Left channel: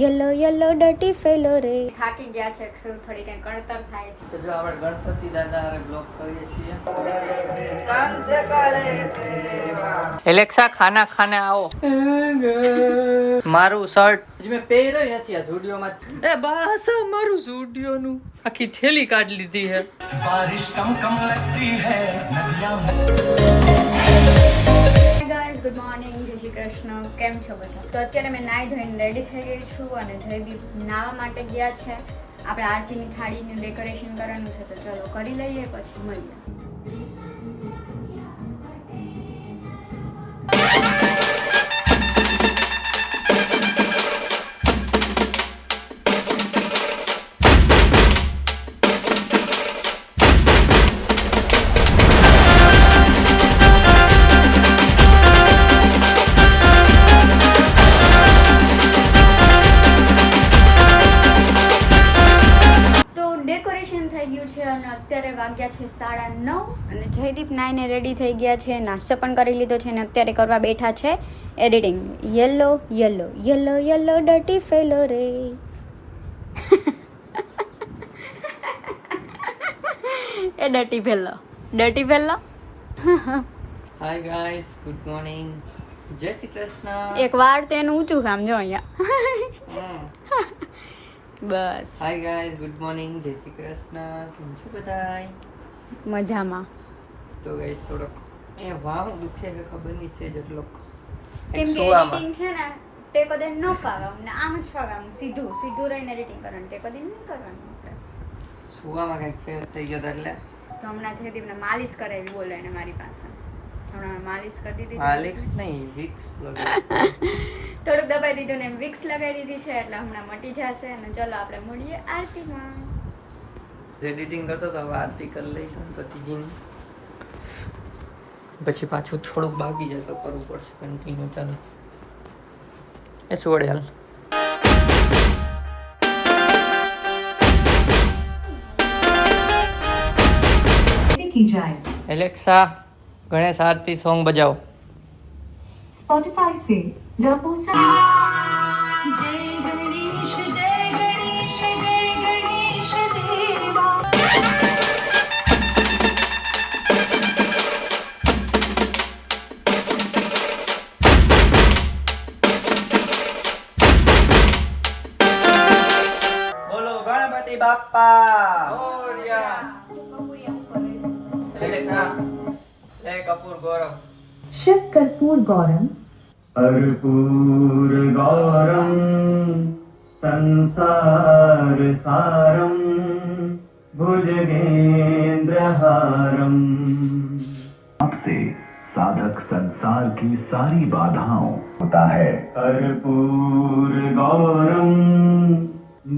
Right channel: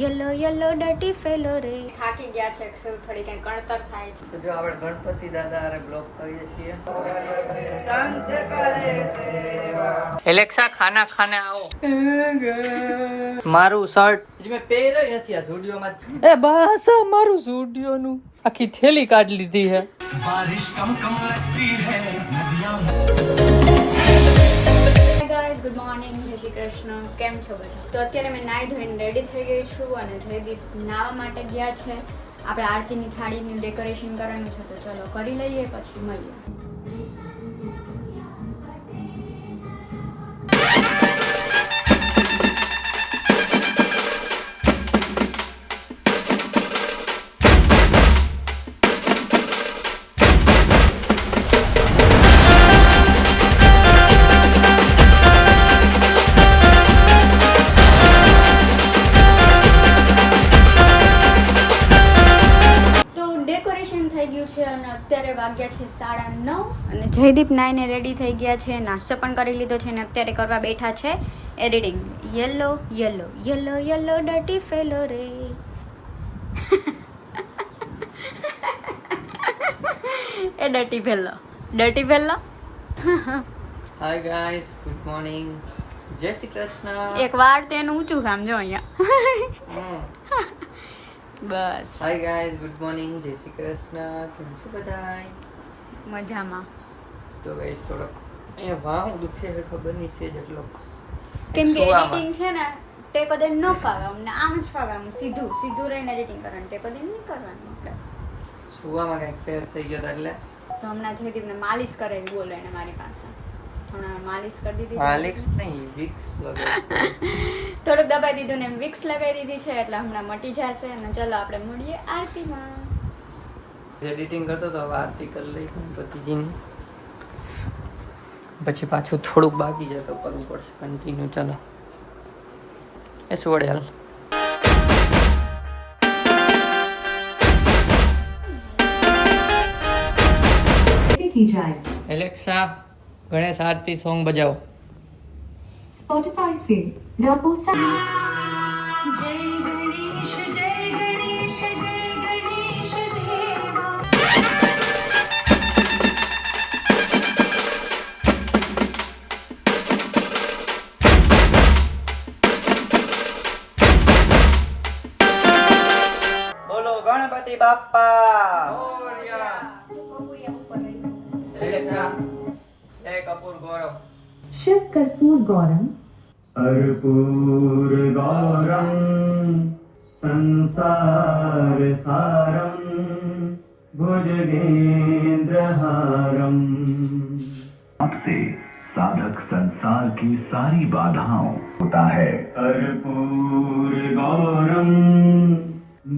Yellow yellow ડટી fellow રે. થાકી ગયા છે અક્ષર, થોડી કઈ કણતર થાય છે. તો જો આપણે ગણપતિ દાદા અરે બ્લોગ કરીએ છીએ. એલેક્સા ખાના ખાને આવો. મારું શર્ટ મેં પહેર્યો નથી આ સ્ટુડિયોમાં જ. એ બસ મારું સ્ટુડિયો નું આખી થેલી કાઢી લીધી છે. બારિશ કમ લગતી હૈ ગાઈઝ, ગુડ મોર્નિંગ, જય શ્રી કૃષ્ણ. કેમ છો બધા? તો અત્યારે મેં નાહી ધોઈને રેડી થઈ ગઈ છું અને જયદીપ નાહવા માટે ગયા છે. આપણે આરતીની થાળીનું ડેકોરેશન કરવાનું છે, તો ચલો કરી લઈએ, પછી મળીએ. અત્યારે વાગ્યા છે 9:30 અને જયદીપ નાઈને રેડી થઈ ગયા છે, નાસ્તો પણ કરી લીધો છે અને અત્યારે કરવા બેઠા છે editing. Yellow yellow yellow yellow ડટી fellow રે. એ ડટી fellow, ડટી fellow. Hi guys, good morning, જય શ્રી કૃષ્ણ. એક વાર તો એનું ઊંચું કામ જો અહીંયા. બસ. હાય ગાઈસ, ગુડ મોર્નિંગ, જય શ્રી કૃષ્ણ. કેમ છો બધાય? મજામાં. તો ગાઈસ થોડોક એ વાવ દુખે છે, ખબર નહીં છે જેટલો. કેમ કે એડિટિંગ છે ને તે કદે ન ફાવે અમને, આમ જ ફાવે, આમ સીધું સીધું રહીને એડિટિંગ કરવાનું, તે કદે નહીં કરવાનું. આપણે સુવામાં કંઈક ફેર થઈ ગયો એટલે તો હમણાં જયદીપને માલિશ કરાવી, બોલે એને મારી પાસે. હમણાં માલિશ કરી દીધી છે. માલિશ નહીં, વિક્સ લગાવી. થોડુંક દબાઈ દીધું ને વિક્સ લગાવી દીધી છે, એટલે હમણાં મટી જશે. અને ચલો આપણે મળીએ આરતીમાં. એડિટિંગ કરતો તો હવે આરતી કરી લઈશું પતિજીની, પછી પાછું થોડુંક બાકી જાય તો કરવું પડશે કન્ટિન્યુ. ચાલો એ સોડે હાલ. एलेक्सा गणेश आरती सॉन्ग बजाओ. स्पॉटिफाई से रापोसा જય ગણેશ જય ગણેશ જય ગણેશ દેવા. बोलो गणपति बाप्पा मोरया. एलेक्सा ले कपूर गौरव. शिव कर्पूर गौरम कर्पूर गौरम संसार सारम भुजगेंद्रहारम. आपसे साधक संसार की सारी बाधाओं होता है. कर्पूर गौरम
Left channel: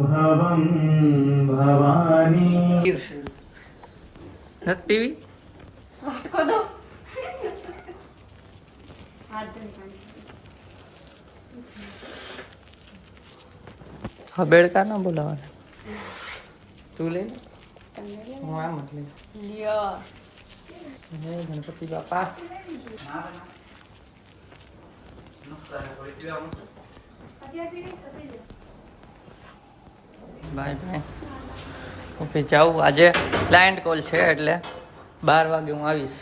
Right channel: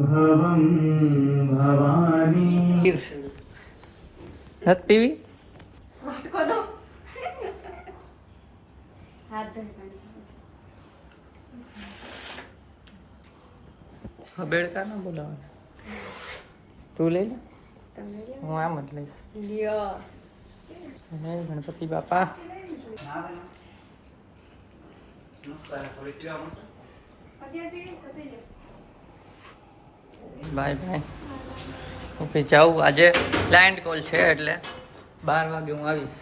भवम भवानी. नत पीवी વાટકો દો. હાથ ધોઈ. હા બેડકા ના બોલાવાના. તું લઈ લે, હું આમ જ લઈશ. લ્યો. હે ગણપતિ બાપા. Bye bye. ઓકે જાઉં, આજે ક્લાયન્ટ કોલ છે એટલે 12 વાગે હું આવીશ.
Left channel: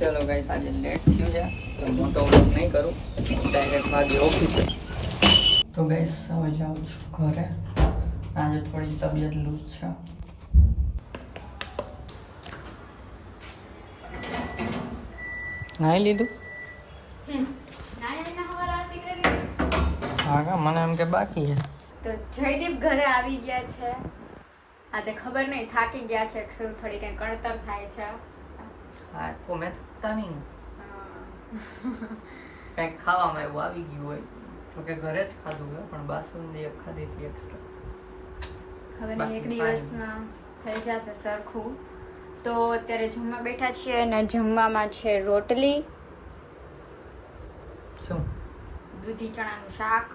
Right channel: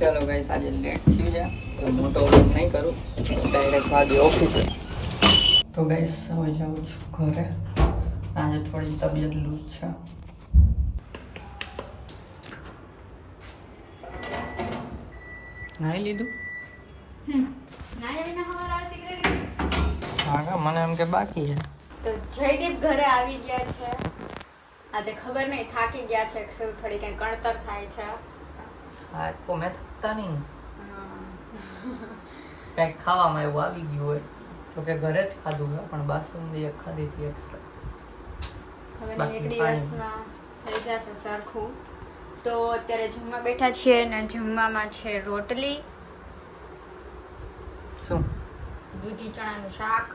ચાલો ગાઈસ, આજે લેટ થયું છે તો મોટો વ્લોગ નહીં કરું, ડાયરેક્ટ ભાગે ઓફિસે. તો ગાઈસ હવે જાઉં છું ઘરે. આજે થોડી તબિયત લૂઝ છે. નાઈ લીધું? હા કા, મને એમ કે બાકી છે. તો જયદીપ ઘરે આવી ગયા છે. આજે ખબર નહીં, થાકી ગયા છે અક્ષર, થોડી કઈ કણતર થાય છે. હા તો મેં થતા નહીં, કંઈક ખાવામાં એવું આવી ગયું હોય. જોકે ઘરે જ ખાધું હોય, પણ બાસુંદી એક ખાધી હતી એક્સ્ટ્રા. ખબર નહીં, એક દિવસમાં થઈ જશે સરખું. તો અત્યારે જમવા બેઠા છીએ અને જમવામાં છે રોટલી, શું દૂધી ચણાનું શાક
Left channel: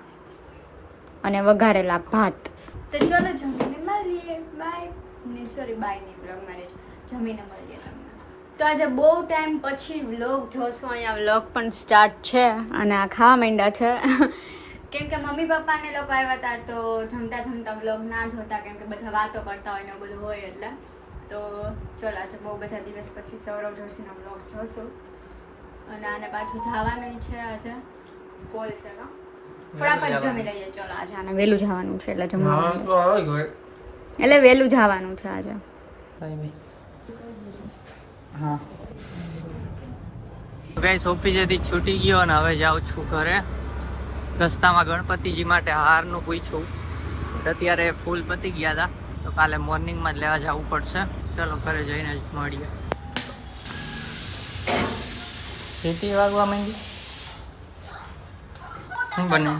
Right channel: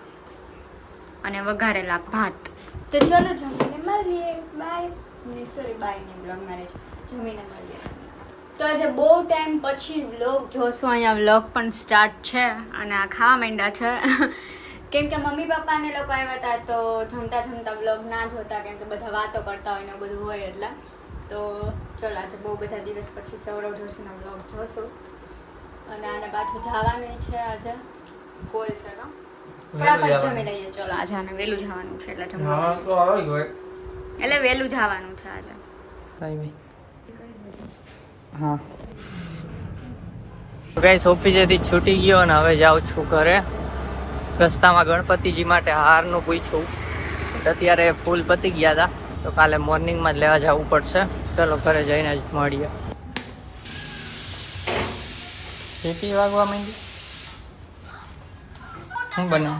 અને વઘારેલા ભાત. તો ચલો જમીને મળીએ. બાય. સોરી, બાય નહીં, બ્લોગ મેરેજ. જમીને મળીએ તમને. તો આજે બહુ ટાઈમ પછી વ્લોગ જોશું. અહીંયા વ્લોગ પણ સ્ટાર્ટ છે અને આ ખાવા માંડ્યા છે. કેમ કે મમ્મી પપ્પા ને લોકો આવ્યા હતા તો જમતા બ્લોગ ના જોતા, કેમ કે બધા વાતો કરતા હોય ને બધું હોય એટલે. તો ચલો આજે બહુ બધા દિવસ પછી સૌરવ જોશીનો બ્લોગ જોશું. અને આને પાછું જવાનું છે આજે, કોલ છે કા ફટાફટ જમી લઈએ. ચલો આજે આને વહેલું જવાનું છે એટલે જમવાનું એટલે વહેલું જવાનું છે આજે. ભાઈ હા ગાઈસ ઓફિસેથી છૂટી ગયો અને હવે જાઉં છું ઘરે. રસ્તામાં ગણપતિજી માટે હારનું પૂછ્યું, અત્યારે ફૂલ પતી ગયા હતા તો કાલે મોર્નિંગમાં જ લેવા જવું પડશે. ચલો ઘરે જઈને જ મળીએ. સીટી વાગવા માંડી શું બને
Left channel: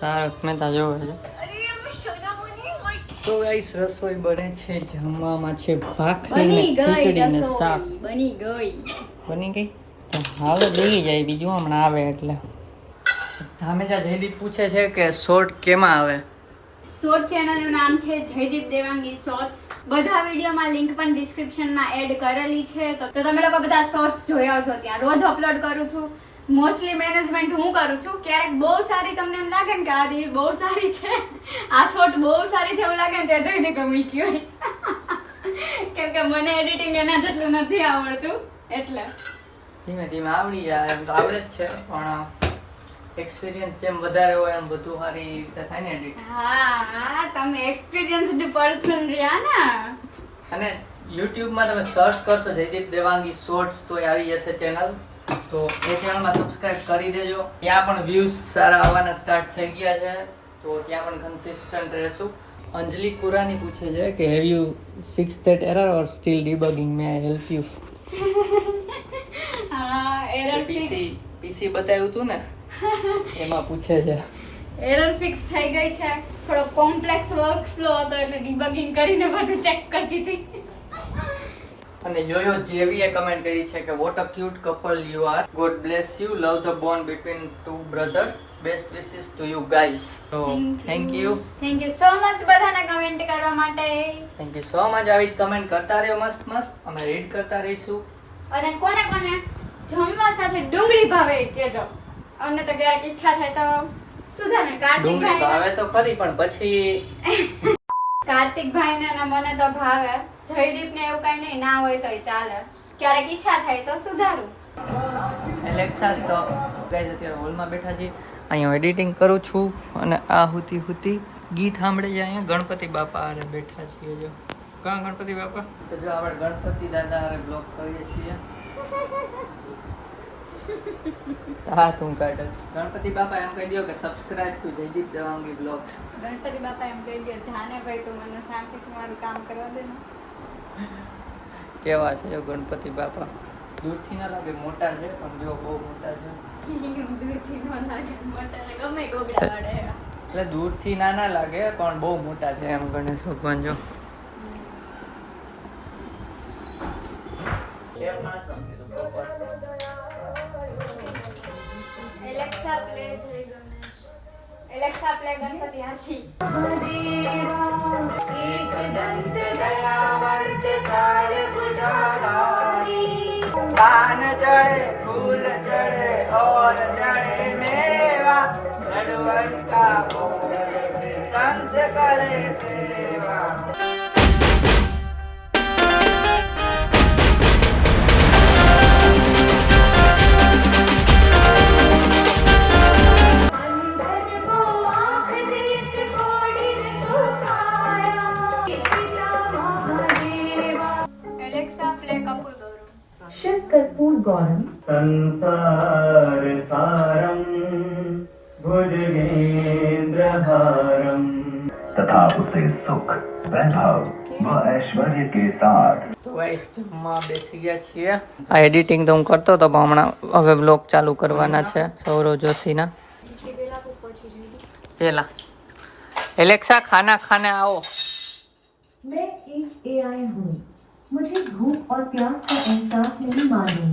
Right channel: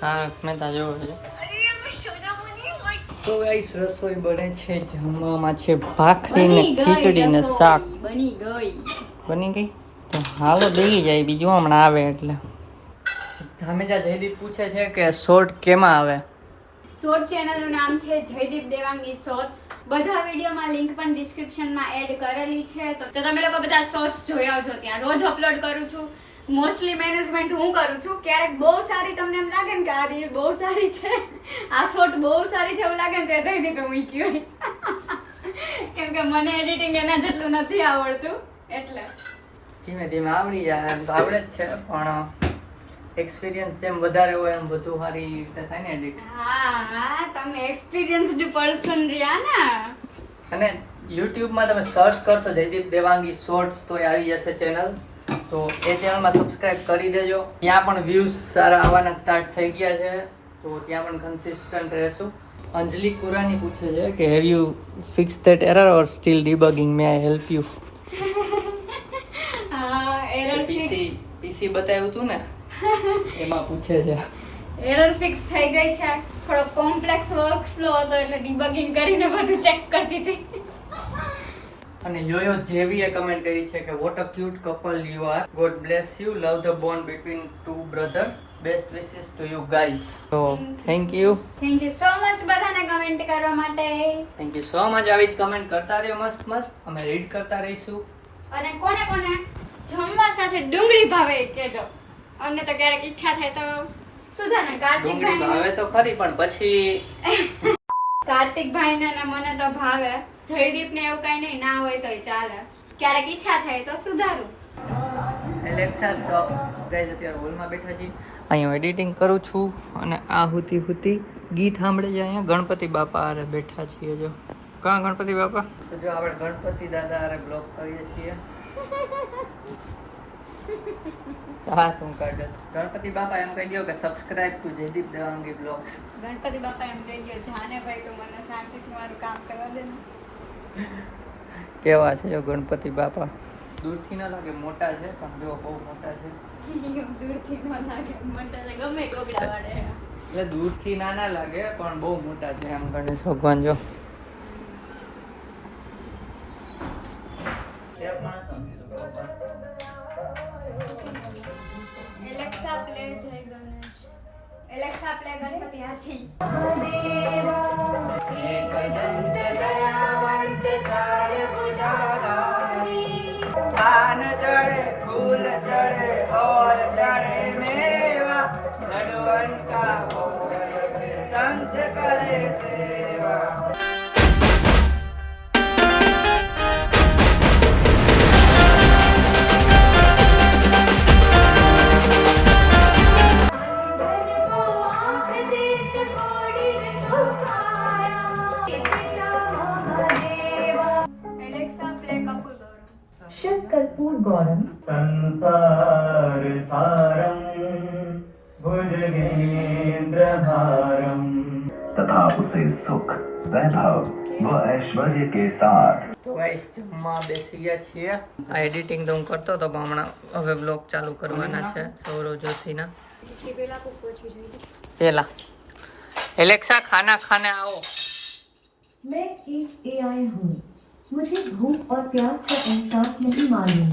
તારક મહેતા જોવો છે. તો ગાઈસ રસોઈ બને છે, જમવામાં છે ભાખરી ને ખીચડી ને શાક. બની ગઈ તો હાલો દેલી જાય, બીજું હમણાં આવે એટલે. ધામેજા જયદીપ પૂછે છે કે શોર્ટ કેમાં આવે. શોર્ટ ચેનલનું નામ છે જયદીપ દેવાંગી શોર્ટ્સ. બધા વિડીયોમાં લિંક પણ ડિસ્ક્રિપ્શનમાં એડ કરેલી છે, તો તમે લોકો બધા શોર્ટ્સ જોઈ આવજો. ત્યાં રોજ અપલોડ કરું છું. મોસ્ટલી મેનેજમેન્ટ હું કરું છું. ક્યારેક બહુ સારી તમને એમ લાગે ને કે આ રીલ બહુ સારી છે, આ શોર્ટ બહુ સારી છે એવું લાગે ને કે જયદીપે મૂકી હોય. કેમ કે મને એડિટિંગ એના જેટલું નથી આવડતું એટલે. ધીમે ધીમે આવડી જાય એમ તો આવડે જ છે, પણ એક્સપિરિયન્સ જેમ વધારે હોય એમ બધું સારી રીતે થાય ને એડિટ. હા તમે એક્સપિરિયન્સ્ડ પર્સન રહ્યા ને. અને યુટ્યુબમાં તમે સર્ચ કરશો જયદીપ દેવાંગી શોર્ટ્સ તો એ આવી જશે ચેનલ. તો એ ચેનલમાં સબસ્ક્રાઇબ કરી દેજો. ત્યાં પણ વ્યૂઝ સારા આવવાના સ્ટાર્ટ થઈ ગયા છે, તો ત્યાં પણ કન્સિસ્ટન્ટ રહેશું. અંજલિ કુરાની પૂછે છે કે have you fix that error or still debugging, may I help you. Error PC બતાવ્યું હતું ને એમાં પૂછે છે. એરર ફિક્સ થઈ ગઈ છે. થોડો કોમ્પ્લેક્સ વર્કફ્લો હતો એટલે ડિબગિંગ કરીને બધું ચેક કરતી હતી. અને યોયો જેવીએ કમેન્ટ કરી છે કે what a cute couple you are, god bless you, love the bond between two brother, best wishes to you guys. તો થેન્ક યુ સો મચ બધાને કમેન્ટ કરવા માટે. Thank you so much. આવી જ comment કરતા રહ્યો મસ્ત મસ્ત, અમે રીડ કરતા રહીશું. અને કોને કોને જમવા સાથે ડુંગળી ભાવે એ કહેજો. અમને તો ક્યારેક ઈચ્છા થાય તો સુધાને ડુંગળી ભાવે તો ખરી, પણ પછી કાર્તિકભાઈ ને મને તો ભાવે. જયદીપ ને એવું કઈ નહીં, ના હોય તોય ચાલે. ક્યારેક ઈચ્છા થાય તો સુધારું. એલેક્સા તો ગાઈઝ અત્યારે હોલમાં બેઠા છીએ. અહીંયા એડિટિંગ કરું છું અને આ હુતી ગીત સાંભળી જાય. અહીંયા ગણપતિ બાપા આરે બેઠા છીએ. જો કાં ગણપતિ બાપા, તો જો આપણે ગણપતિ દાદા આરે બ્લોગ કરીએ છીએ. હા તું કાઢ. ગણપતિ બાપા એમ કહી દો કે subscribe two Jaydeep Devangi blogs. Ganpati બાપા એમ કહી દો જાને ભાઈ તો મને શાંતિથી મારું કામ કરવા દે ને. કેવા છે ગણપતિ બાપા? દૂરથી ના લાગે મોટા છે, પણ જો બહુ મોટા છે. દૂરથી ન લાગે મોટા છે, ગમે ગોગડા વડે. એટલે દૂરથી ના લાગે પણ બહુ મોટા છે એમ ગણેશ ભગવાન. જો એલેક્સા પ્લે જય ગણેશ. એલેક્સા પ્લે ગણપતિ હાથી. કાન ચढ़े फूल चढ़े और चढ़े मेवा, नड़वन का संत करे सेवा. એલેક્સા પ્લે કપૂર. शिव कर्पूर गौरम संसार सारम भुजगेंद्रहारम तथा उसे सुख वैभव व ऐश्वर्य के साथ. તો ગાઈસ જમવા બેસી ગયા છીએ. આ એડિટિંગ તો હું કરતો હતો, પણ હમણાં હવે બ્લોગ ચાલુ કરવાના છે સૌરવ જોશીના. પેલા एलेक्सा खाना खाने आओ. मैं एक AI हूँ, मुझे भूख और प्यास का एहसास नहीं मालूम.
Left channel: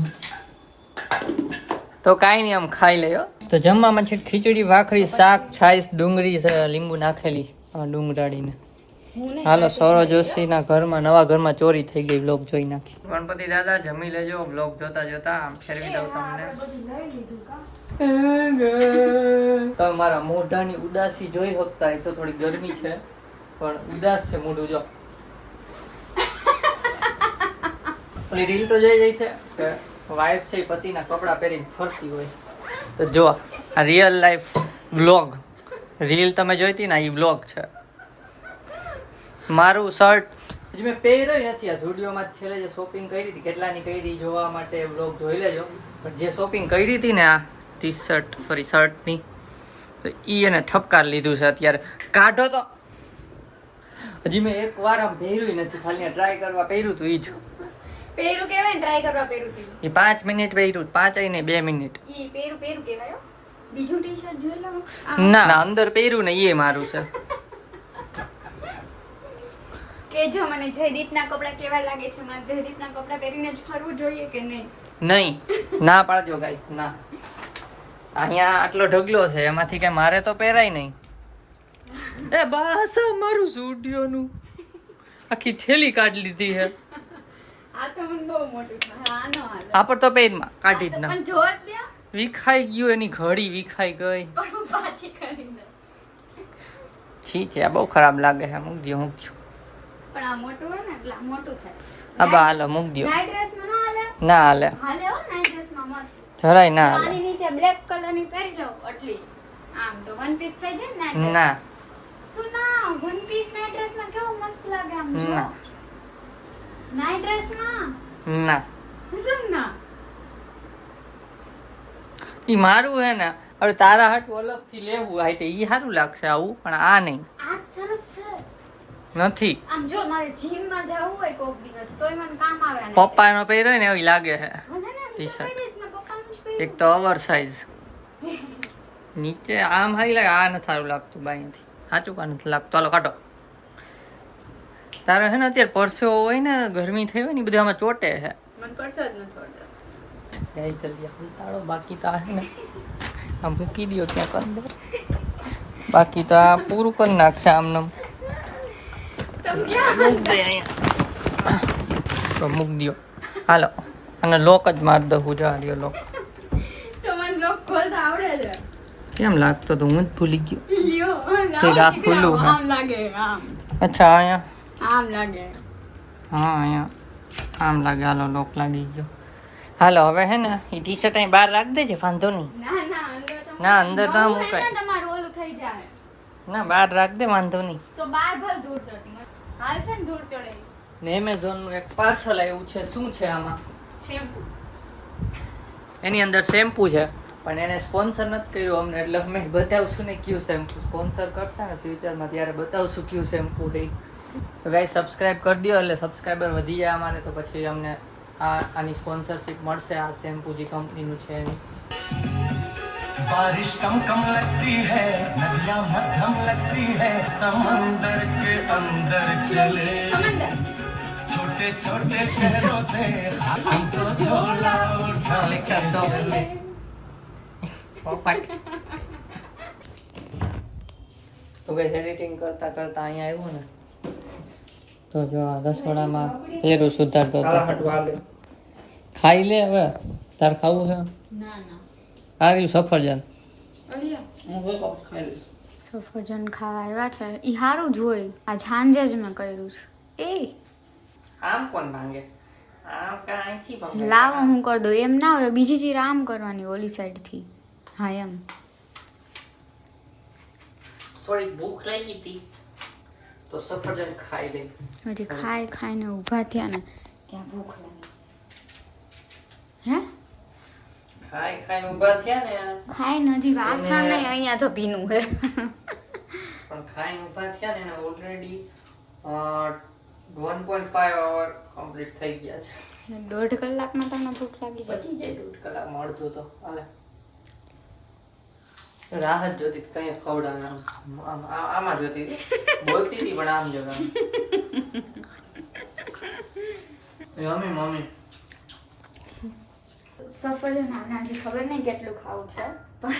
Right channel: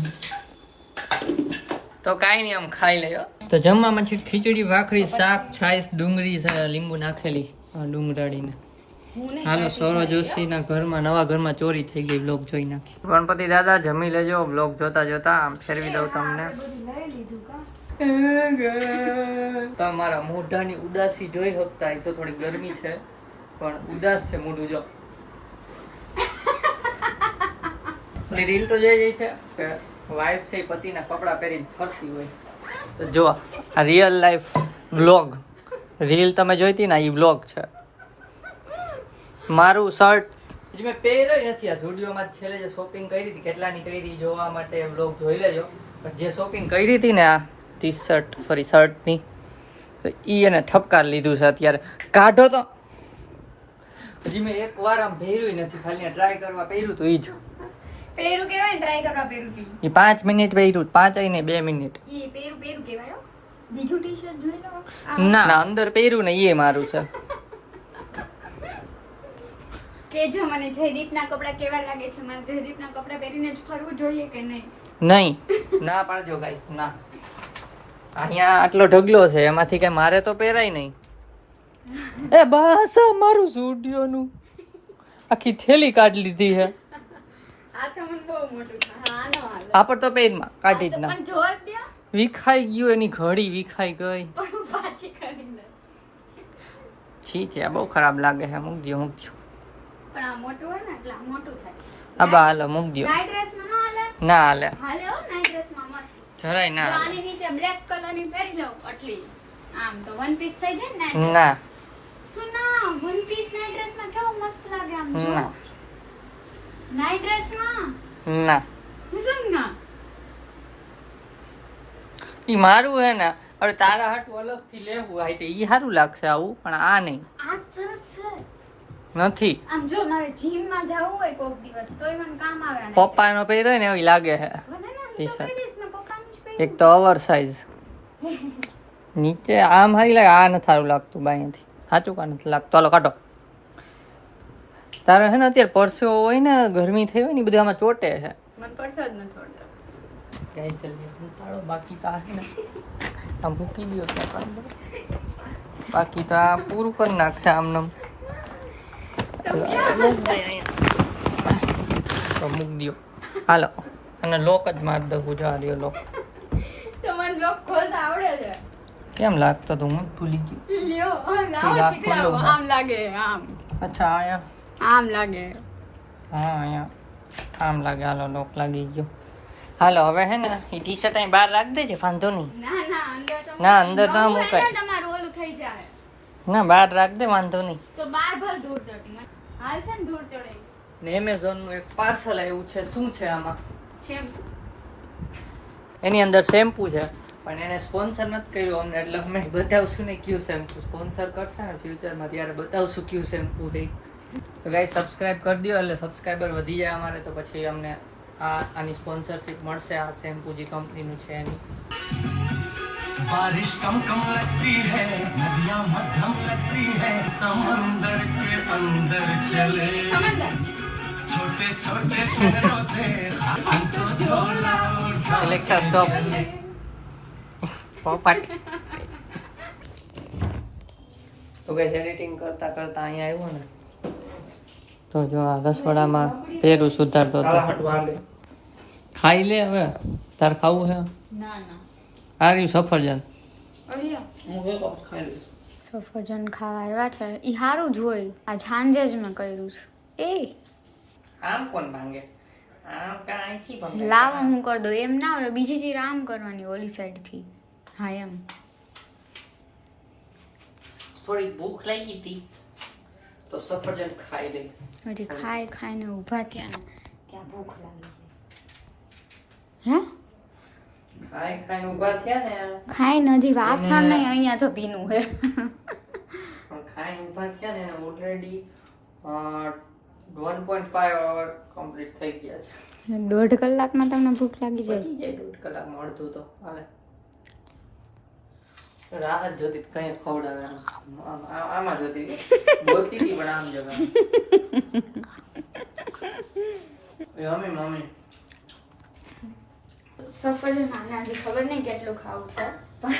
તો કાંઈ નહીં, આમ ખાઈ લે. તો જમવામાં છે ખીચડી, ભાખરી, શાક, છાશ, ડુંગળી, લીંબુ નાખેલી ડુંગરાળીને. હાલો સૌરવ જોશીના ઘરમાં નવા ઘરમાં ચોરી થઈ ગઈ વ્લોગ જોઈ નાખી. ગણપતિ દાદા જમી લેજો વ્લોગ જોતા જોતા. આમ ફેરવી દઉં તમને. તમે મારા મોઢાની ઉદાસી જોઈ શકતા હશો. થોડી ગરમી છે પણ ઉદાસ છે મોઢું. જો પેલી રીલ તો જઈ જઈ છે કે વાઈફ છે એ પતિના કપડાં પહેરીને ફરતી હોય. તો જો આ રિયલ લાઈફ વ્લોગ. રીલ તમે જોઈતી ને એ વ્લોગ છે. મારું શર્ટ હજી મેં પહેર્યો નથી. આ સ્ટુડિયોમાં છેલ્લે જે શોપિંગ કરી હતી કેટલાની કરી જોવા માટે વ્લોગ જોઈ લેજો. પણ જે શોપિંગ કરી હતી ને આ શર્ટની તો એ એને ઠપકાર લીધું છે અત્યારે. કાઢો તો હજી મેં એક વાર આમ પહેર્યું નથી. ખાલી ટ્રાય કરવા પહેર્યું તો એ જ. પેરું કેવાય ને ટ્રાય કરવા પેરું એ 5 મિનિટ પહેર્યું. 5 નહીં 2 મિનિટ. ઈ પેરું કહેવાય હો. બીજું ટી-શર્ટ જોઈ લો. ના અંદર પહેર્યું ને એ મારું છે. કે જો મને જયદીપના કપડા કેવા લાગે છે, મને જયદીપના કપડા પહેરીને જ ફરવું જોઈએ કે નહીં? નહીં ના પાડજો ગાઈસ. ના અહીંયા આટલો ઢગલો છે એમાંથી કઈ મારે તો પહેરાય નહીં. એ બસ મારું સ્ટુડિયોનું આખી થેલી કાઢી લીધી છે. આ તો મને બહુ મોટું છે. હા નો હાલે. આ પર તો પેનમાં કાઢી જ ના. પણ જોવા જ દે. વિખાઈ ગયું. એની ઘડી વિખાઈ ગઈ. પણ હું પાછી કરી દે. છી છે આ બહુ ખરાબ લાગે છે. મૂક દો પણ આ મોટું હોય ને એટલે આ મોટું થાય. હા બા હાલો મૂક દો. નાઈટ ડ્રેસમાં નો હાલે? ના હાલે. હાલે હો નાઈટ ડ્રેસમાં મસ્ત. જરાય ના આની હાલે. નીચે બ્લેક કલરની પહેરી લઉં આટલી. આમ તો વન પીસ થઈ જાય ને નાઈટ ના શું ના વન પીસ નાઈટ ડ્રેસમાં કેવું મસ્ત લાગે આમ જો. ના નાઈટ ડ્રેસમાં ના શું ના ઈ મારું હે ને. હવે તારા હાટું અલગથી લેવું હોય તો ઈ સારું લાગશે આવું. પણ આ નહીં. આ સરસ છે. નથી. આમ જો મારે જીમમાં જવું હોય કોક દિવસ તોય મને કામ આવે ને. પપ્પાનો પહેર્યો હોય ને એવું લાગે છે. ભલે ને હું તો ટી-શર્ટ. પહેરીશ ને પપ્પાનું જ એક પહેરીશ. તો ઓવર સાઈઝ. નીચે આમ હારી લાગે. આ નથી સારું લાગતું બાઈથી. સાચું કા નથી લાગતું. હાલો કાઢો. તારે છે ને અત્યારે પરસેવો હોય ને ગરમી થઈ હોય ને એ બધું આમાં ચોટે છે. મને પરસો જ નથી છોડતો. ગાઈ જલ્દી ઉતાળો. બાકી તો આ છે ને આ મૂકી દો ત્યાં કરી દો. બાકી તો આ પૂરું કરી નાખશે આમને. મૂક દે અહીંયા. તો મૂક દો. હાલો અને લોક જ માર દઉં. જા રહ્યો લોક. તો મને લોક ખોલતા આવડે છે. કેમ લાગતો તો હું જ ભૂલી ગયો. લ્યો એક આ ખુલ્લું છે. આમ લાગે આમ. અચ્છા અહીંયા. આમ લાગે. હા અહીંયા આમ લાગે. હાલો લોક લાગી ગયો. હાલો હવે હે ને એ ટી શર્ટ અહીં બહાર રાખ દેજે. વાંધો નહીં. ના ના અંદર તો ના અંદર ના બહુ મુકાય. એને તમારું ઓલું થઈ જાય. ના બહાર રાખ દે. વાંધો નહીં. તો બાર ભર દૂર ચડતી મને હાલ છે ને દૂર ચડે ને એમેઝોન નું એક પાર્સલ આવ્યું છે. શું છે આમાં? શેમ્પુ. એની અંદર શેમ્પુ છે પણ એને સ્પોન્સર નથી કર્યું અમને. એટલે અમે બતાવશું ને કયું શેમ્પુ સ્પોન્સર કરશે ને ફ્યુચરમાં ત્યારે બતાવશું કયું શેમ્પુ છે. તો ગાઈસ સબસ્ક્રાઇબ કરી દો એટલે સબસ્ક્રાઈબર વધી જાય અમારે. તો પછી અમને આની સ્પોન્સરશિપ મળશે. આ શેમ્પુ જે કંપનીનું છે એની. बारिश कम कम लगती है, नदियां मध्यम लगती है, समंदर के अंदर चले, સમંદર छोटे छोटे शहरों से हम तो झोला उठा એલેક્સા સ્ટોપ. પોપટ. તો ગાઈસ એડિટિંગ કરતા કરતા અહીંયા આવ્યો ને તો જો આ રસોડામાં પેરું સુધારતો હતો. ખાઈ લે હવે. તાર ખાવું છે? ના ના આ રહ્યું સફરજન. સફરજન ખાવા આવ્યા છે. ઈ સારું જ હોય. આ સાંજે જ મેં કર્યું છે. એ આમ કોણ ભાંગે? આમ કાંઈથી ભાંગે? લાવો હું કરી દઉં. એમ ના હોય બીજી ચીજ આમ કરવાની ઓલી સાઈડથી. હા એમ. થોડીક ભૂખ લાગી હતી તો સફરજન ખાઈ લઈ. હજી ખાઈ ખાઈને ઊભા થયા ને ત્યાં ભૂખ લાગી. હે ખાઈ ખાઈને ઊભા થયા ને ખાઈને હજી વાસણ નહીં અહીંયા તો પીનું હે. પણ ખાઈને ઊભા થયા ને ઓલરેડી 1.5 અવર કમ્પ્લીટ થઈ ગયા છે. 1.5 કલાકમાં તમને ભૂખ લાગી જાય. પતી જાય 1.5 કલાકમાં અડધું તો હાલે. રાહત જોતી હતી કઈ ખવડાવે આમાં જોતી બોલતી હતી પણ આમ જગા. મમ્મી સફરજન આને હજી ખબર નહીં કેટલું ખાવું છે પણ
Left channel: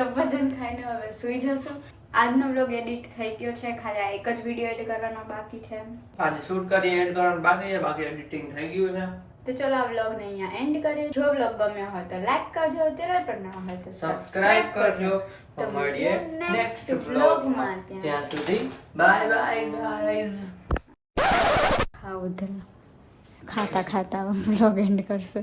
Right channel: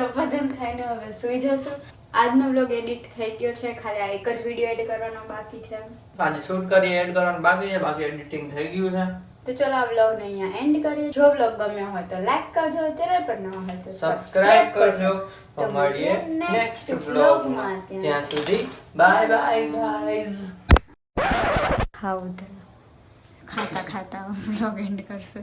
સફરજન ખાઈને હવે સૂઈ જશું. આજનો વ્લોગ એડિટ થઈ ગયો છે, ખાલી આ એક જ વિડીયો એડ કરવાનો બાકી છે. આજે શૂટ કરી એડ કરવાનું બાકી છે, બાકી એડિટિંગ થઈ ગયું છે. તો ચલો આ વ્લોગને અહીંયા એન્ડ કરીએ. જો વ્લોગ ગમ્યો હોય તો લાઈક કરજો, ચેનલ પર નવા હોય તો સબસ્ક્રાઇબ કરજો. તો મળીએ નેક્સ્ટ વ્લોગમાં. ત્યાં સુધી બાય બાય ગાઈઝ. ખાતા ખાતા વ્લોગ એન્ડ કરશે.